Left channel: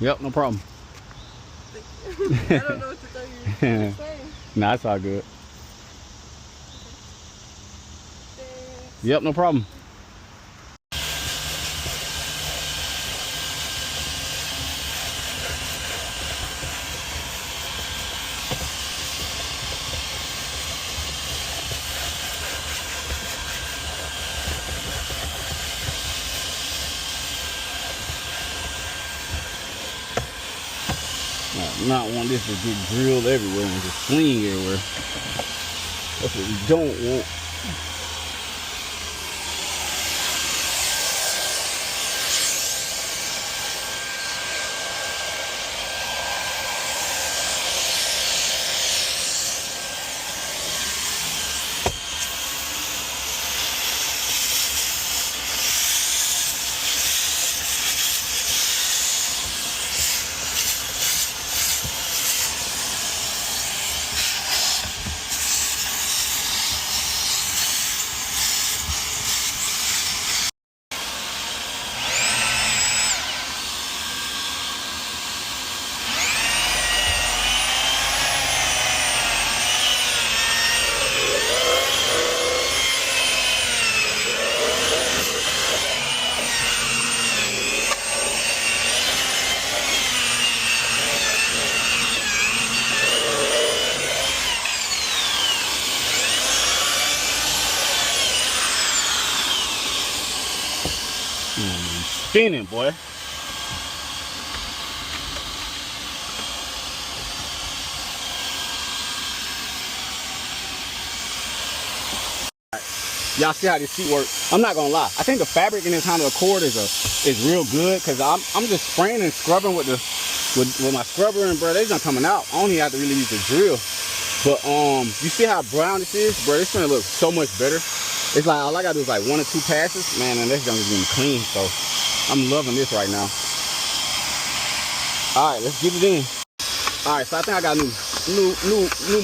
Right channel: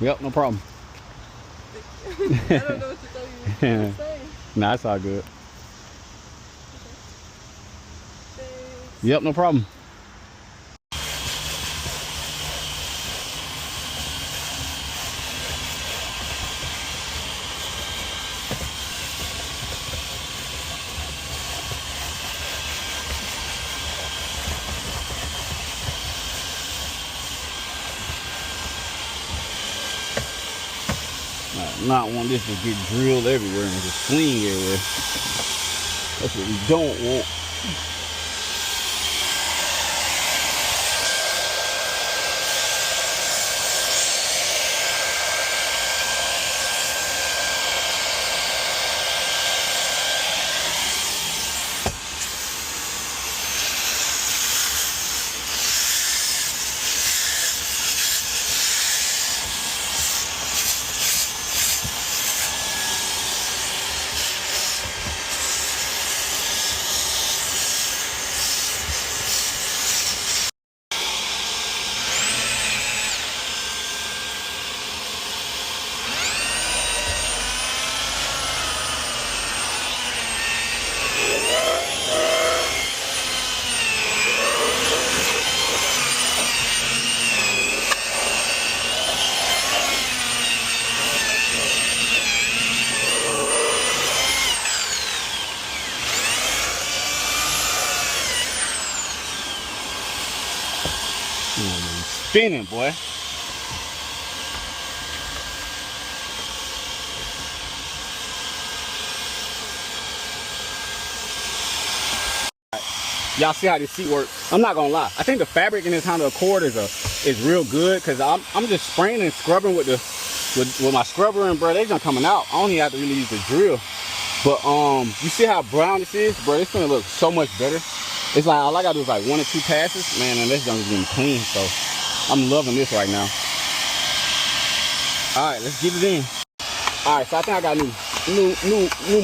Yep, no problem. I don't know what to tell you to say. Nah, it's all good. Thanks. Yep, no problem. I do not want this to get drilled everywhere and just fling everywhere. That's what we don't want. Spinning, boy. Y'all see how this seat works? I'm not gonna lie. I think the fabric in this Honda Accord is real good because I'm just spraying and scrubbing with my scrubber, and bro, they're not coming out. I don't even have to really use the drill. But you see how brown this is, bro? It's gonna look so much better. It's like all I gotta do is like 1 or 2 passes, man, and this junk is getting clean. So I'm loving this right now. All right, let's get it in. All right, so I think I got a new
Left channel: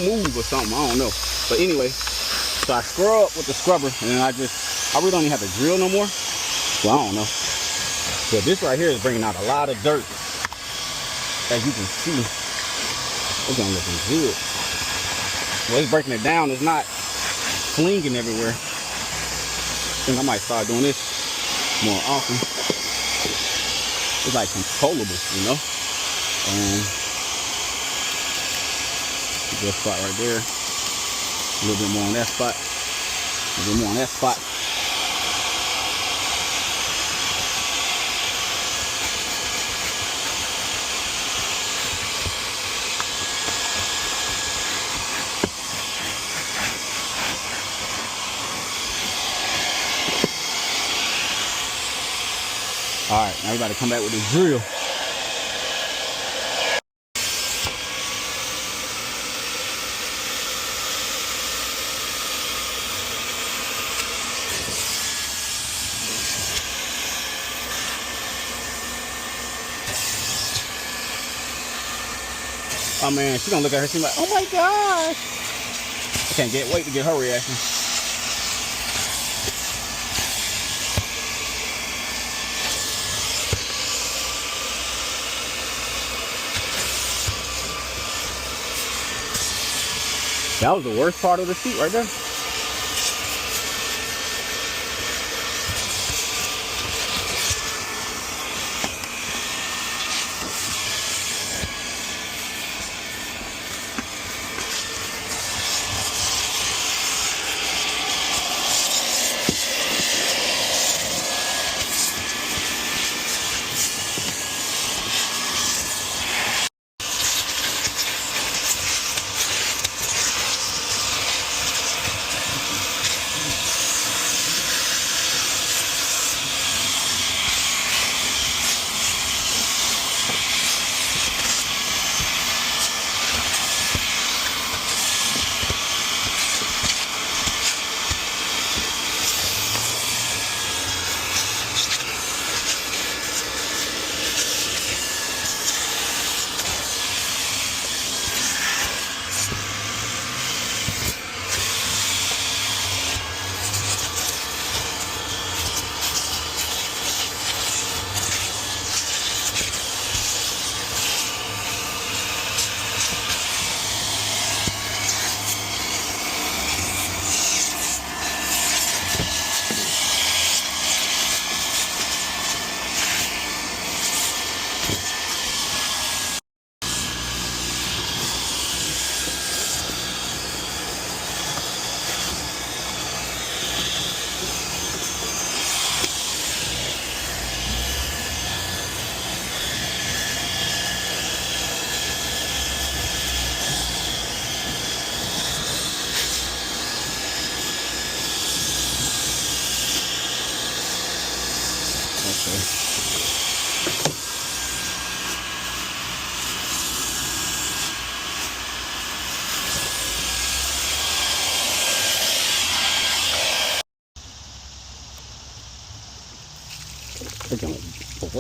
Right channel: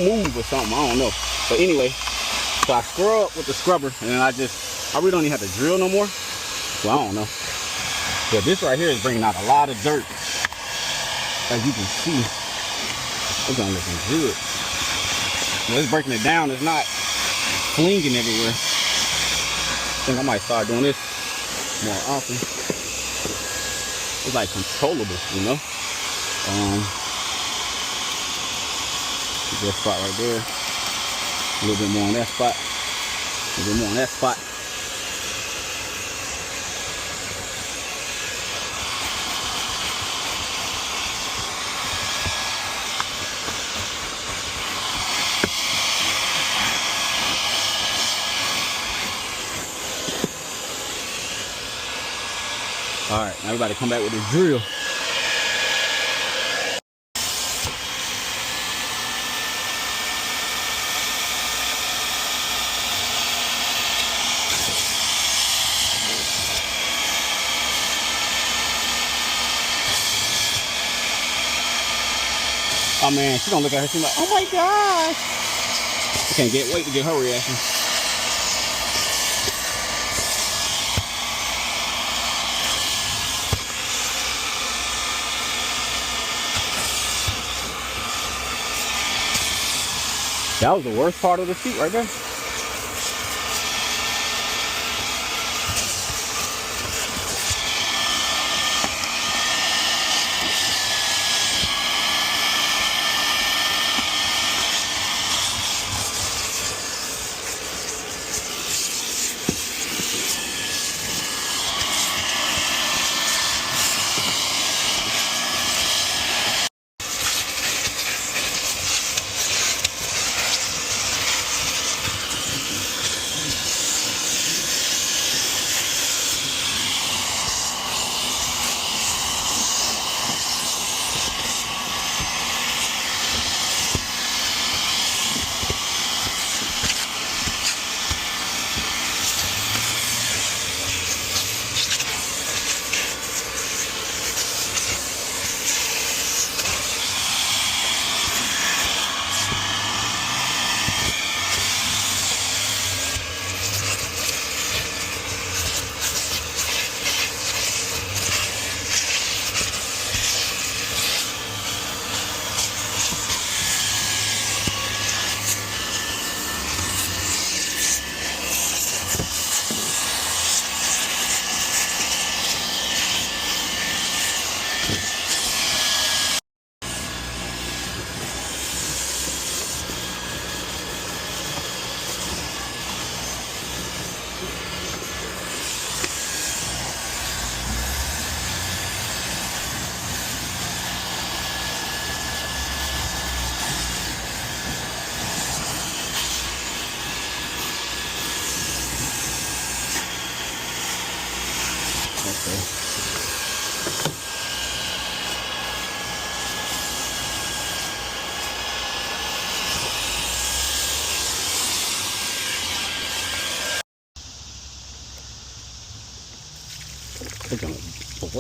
move or something. I don't know, but anyway. So I scrub with the scrubber, and then I really don't even have to drill no more. Well, I don't know. But this right here is bringing out a lot of dirt. As you can see, it's gonna look good. Well, it's breaking it down. It's not flinging everywhere. I think I might start doing this more often. It's like controllable, you know? Good spot right there. A little bit more on that spot. A little bit more on that spot. All right, now we about to come back with this drill. Oh man, she gonna look at her, she's like, oh my gosh. I can't wait to get her reaction. That was the worst part of the seat right there.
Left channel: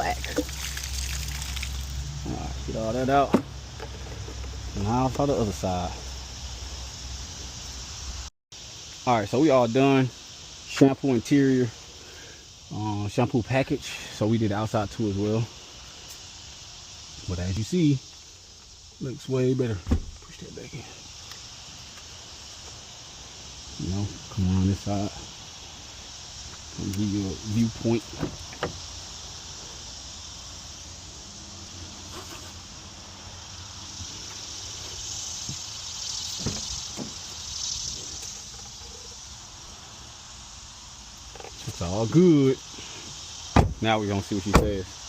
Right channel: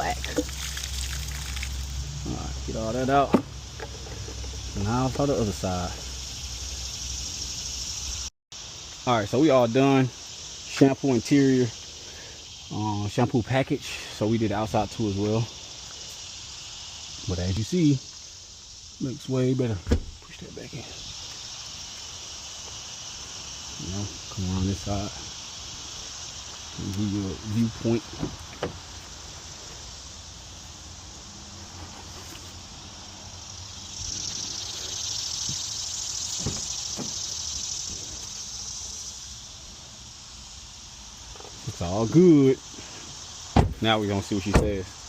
slack. All right, get all that out. Now for the other side. All right, so we all done. Shampoo interior, shampoo package. So we did the outside too as well. But as you see, looks way better. Push that back in. You know, come around this side and give you a viewpoint. It's all good. Now we're gonna see what she says.